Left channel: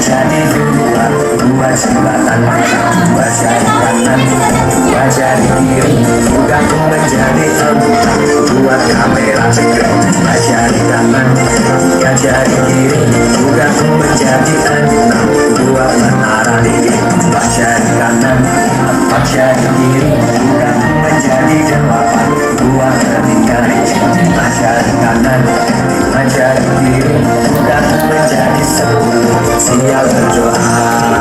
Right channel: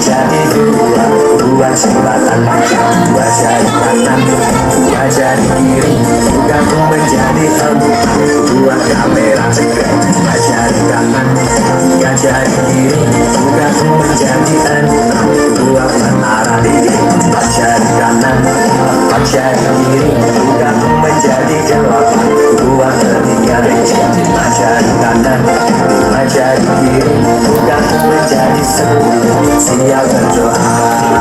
menjadi dua, dua jembatan dua jari kanan, dua jari kiri gabung menjadi empat, dua kamera dua jari kanan, tiga jari kiri gabung menjadi enam, dua menara dua jari kanan, empat jari kiri gabung menjadi delapan, dua telinga lima jari kanan, lima jari kiri gabung menjadi 10, siap berdoa.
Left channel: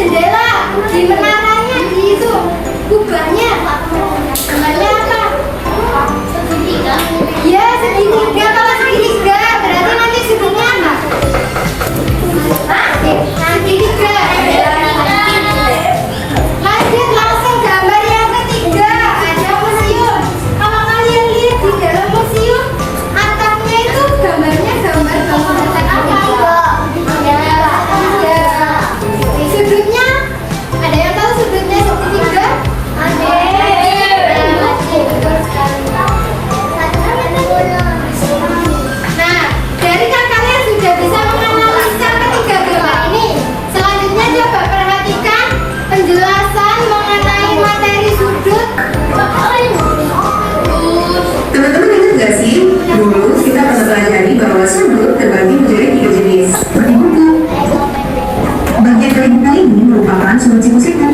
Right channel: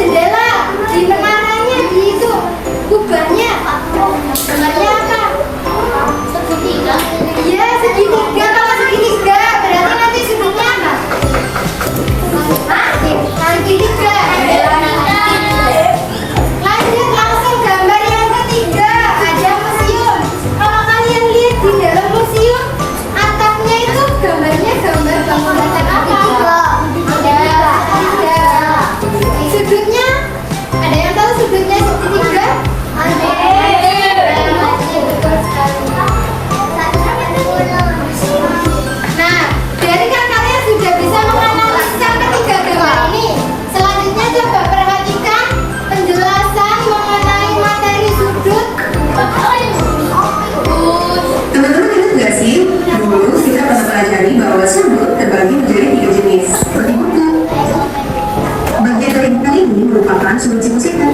jendela di mana sudut siku-siku.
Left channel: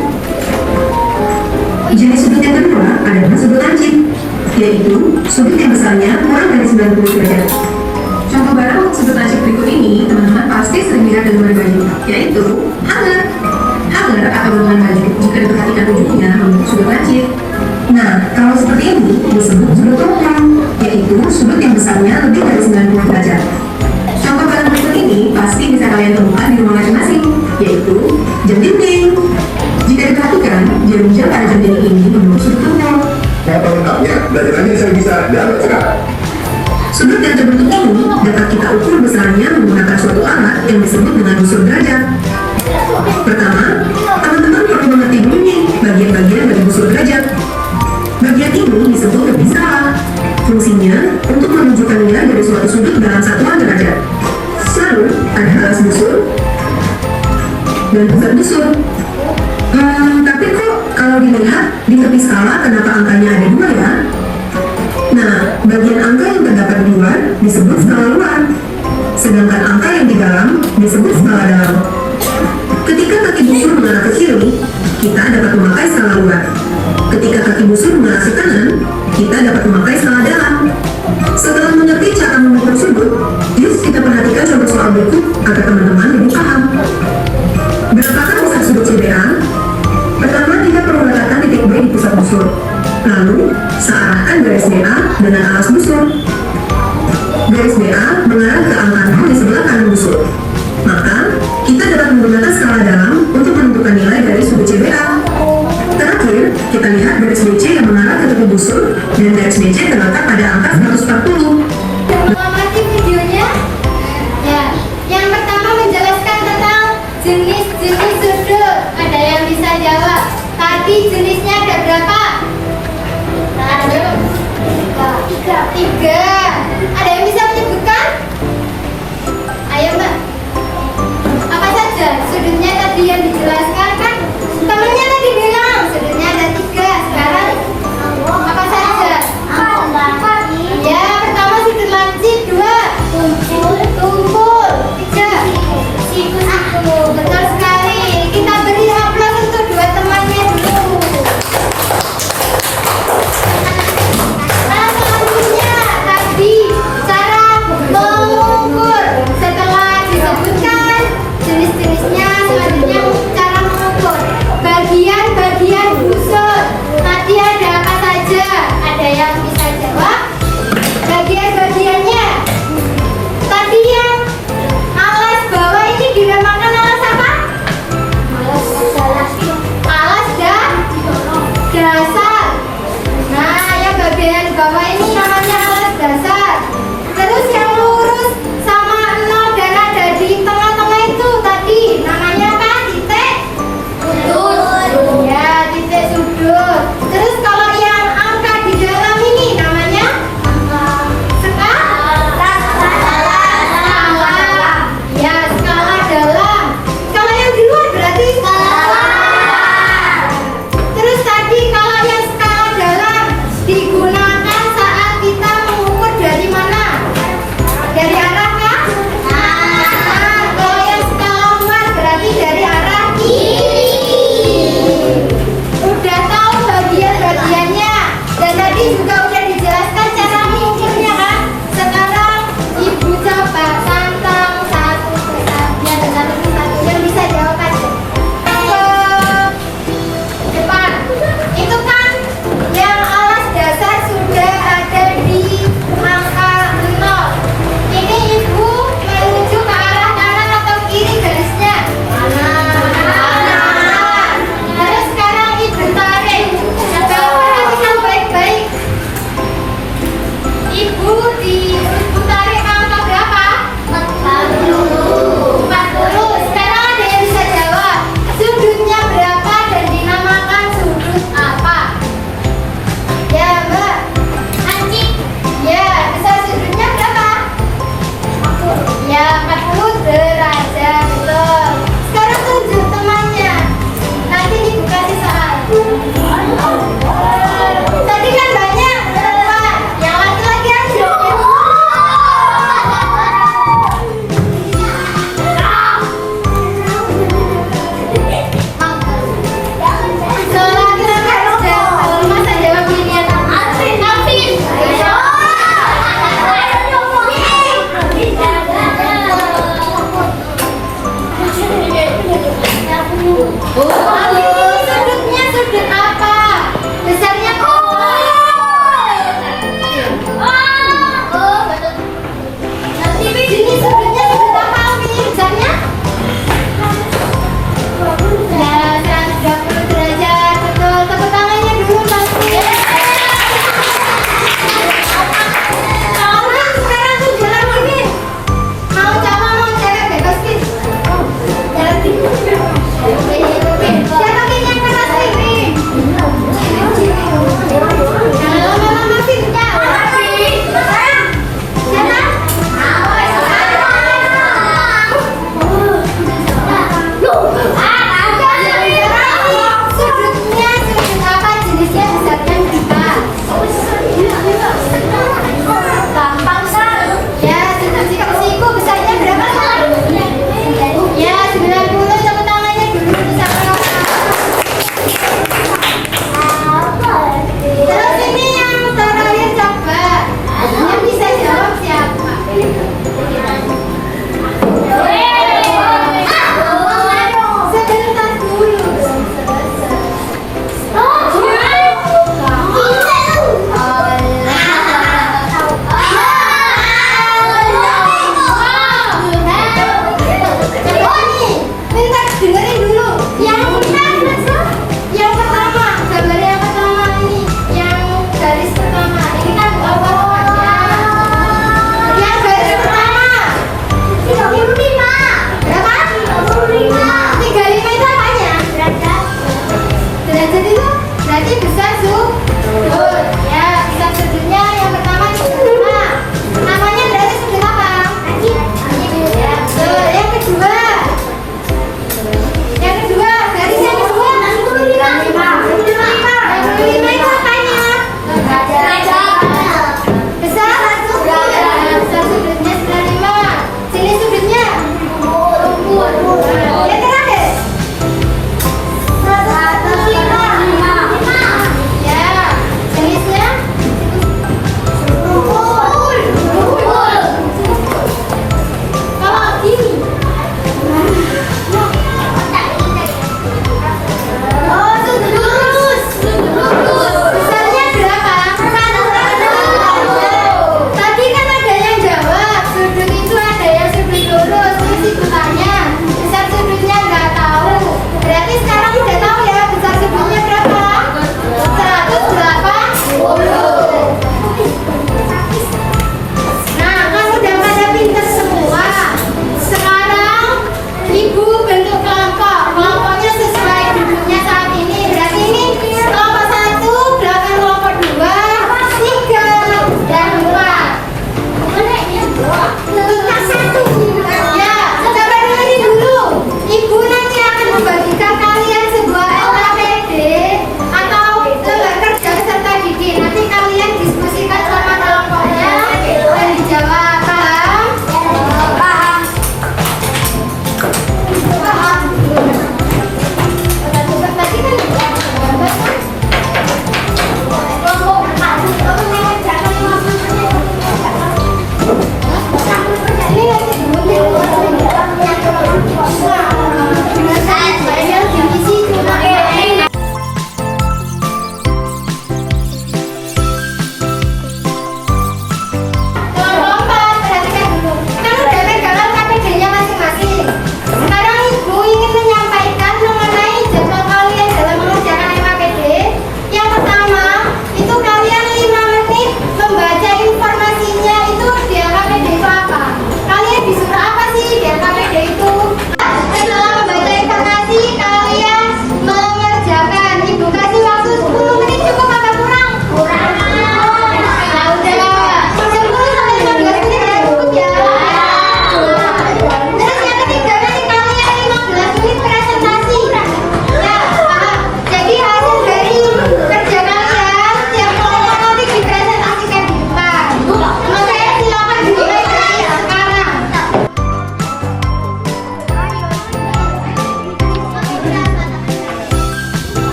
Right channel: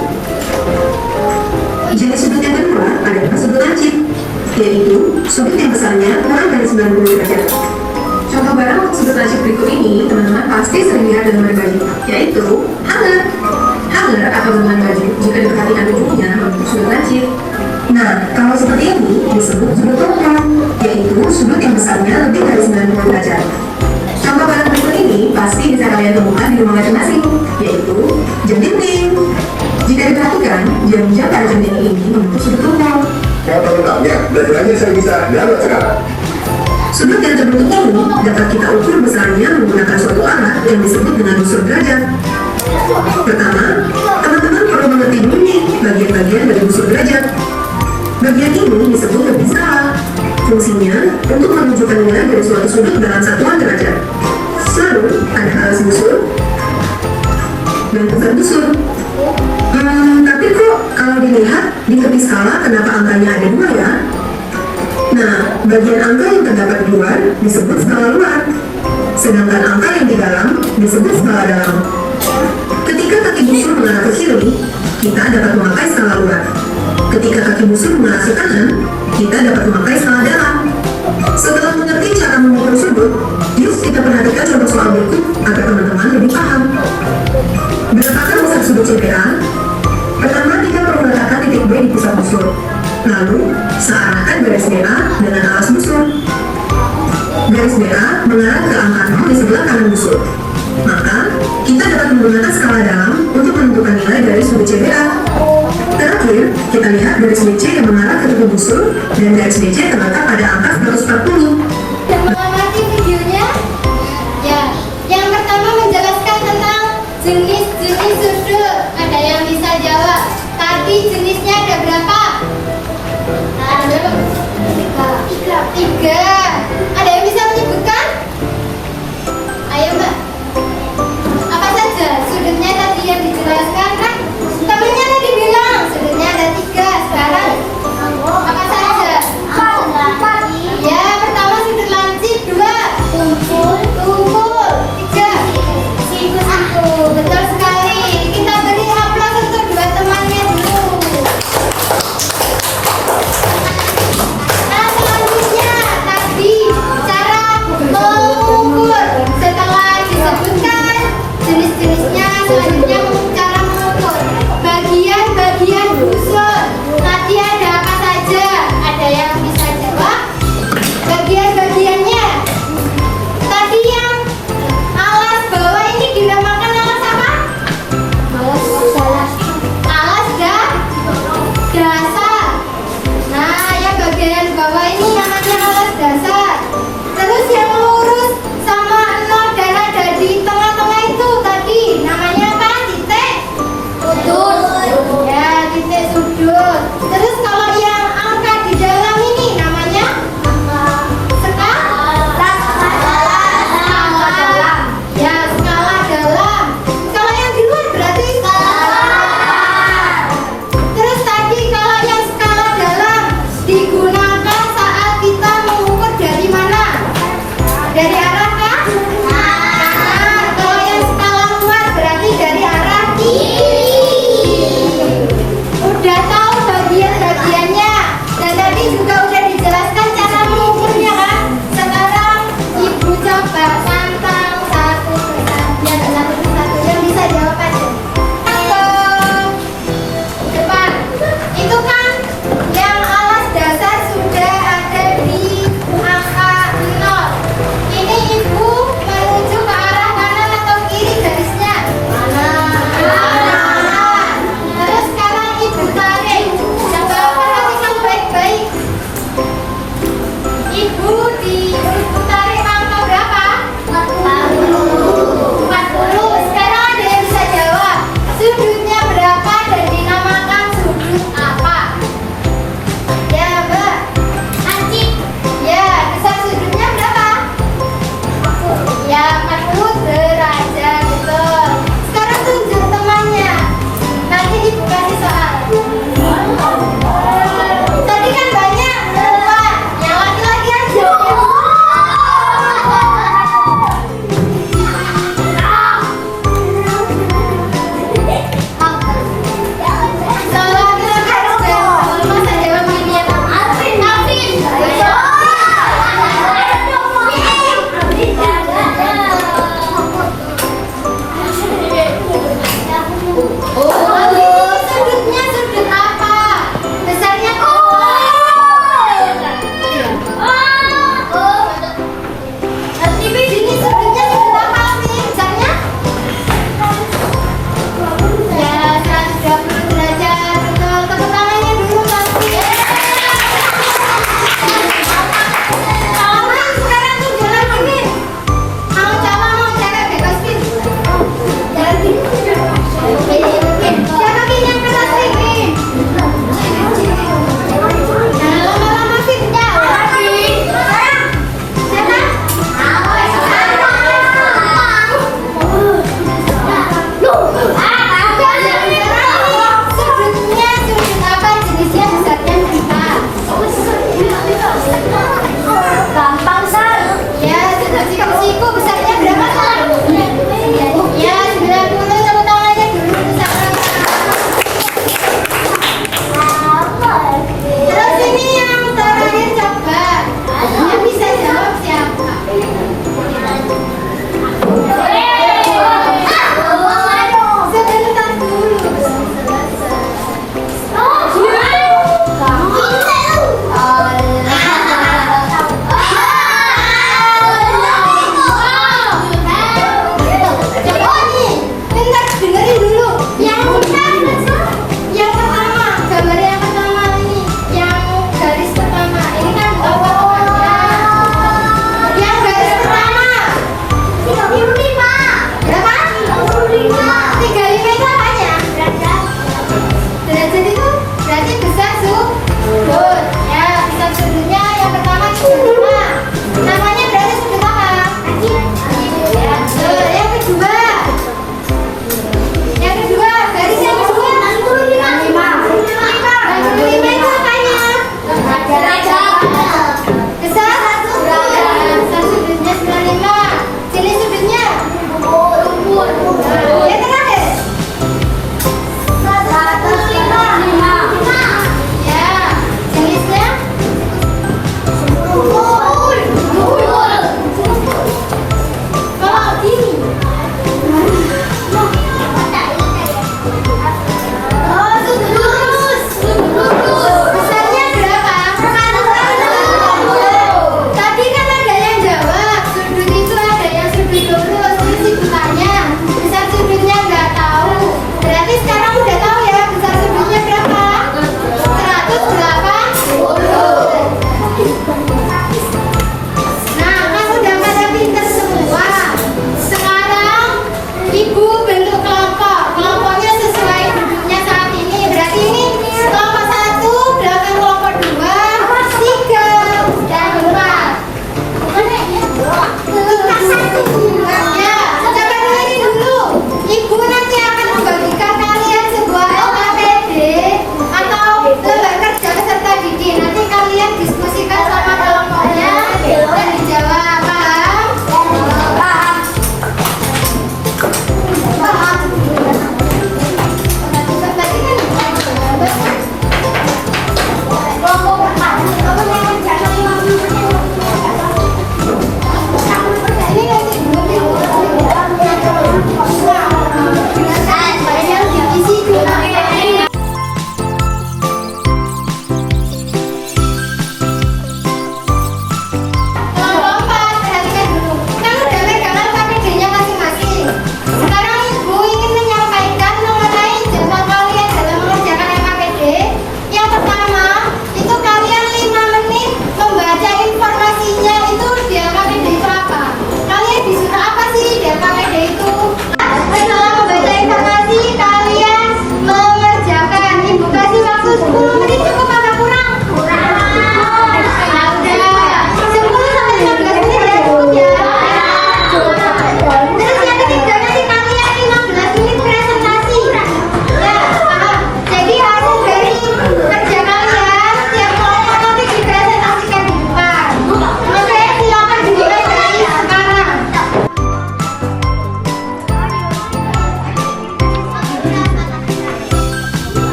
Jenis sudut yang kedua adalah sudut lancip, yaitu sudut yang besarnya kurang dari 90 derajat. Contoh barang sudut lancip berikut ini teman-teman pasti sering lihat dengan baju, yaitu hanger. Hanger atau gantungan baju jika diperhatikan ujungnya membentuk sudut lancip. Nah, kalau seperti ini disebut sudut longgang, yaitu sudut yang besarnya lebih dari 90 derajat. Contoh barang berikut ini pasti bisa kalian temukan di rumah masing-masing, yaitu jam dinding. Jika diperhatikan, jam-jam pada jam dinding ini membentuk sudut longgang. Mau pelengkapnya, belajar aja saya bisa download sekarang. Sudut yang terbentuk ini dapat kita ukur besarnya menggunakan suatu alat yang disebut dengan busur derajat. Pertama, teman-teman perlu mengerti dulu nih bagian-bagian dari busur derajat. Bagian ini disebut lebih salah. Fungsinya untuk menunjukkan nilai dari suatu sudut dalam satuan derajat. Lalu ada alas busur dan pusat busur. Tapi kok kalau dilihat di tepi skala kenapa angkanya ada dua ya? Nah, bagian angka yang terdapat di luar disebut skala luar, sedangkan angka yang di dalam disebut skala dalam. Ketika kaki busur mengarah ke kiri, kita dapat memakai skala luar. Ketika kaki busur mengarah ke kanan, kita dapat memakai skala dalam. Setelah mengerti cara mengukur sudut, yuk kita perhatikan contoh soal berikut agar teman-teman lebih paham. Berapakah besar sudut CBA? Pertama, kita perlu meletakkan titik B di pusat busur. Lalu, searahkan garis BA dengan alas busur. Garis BA mengarah ke angka 0 di sebelah kanan busur. Maka, kita dapat menggunakan skala dalam untuk menentukan nilai dari sudut CBA. Terakhir, kita lihat garis BC yang mengarah ke tepi busur dan garis BC terletak pada angka 140. Mengamati videonya, ya. Yang pertama menjelaskan tentang jenis-jenis sudut. Ada yang bisa jawab. Tadi jenisnya ada berapa? Ada berapa? Tiga.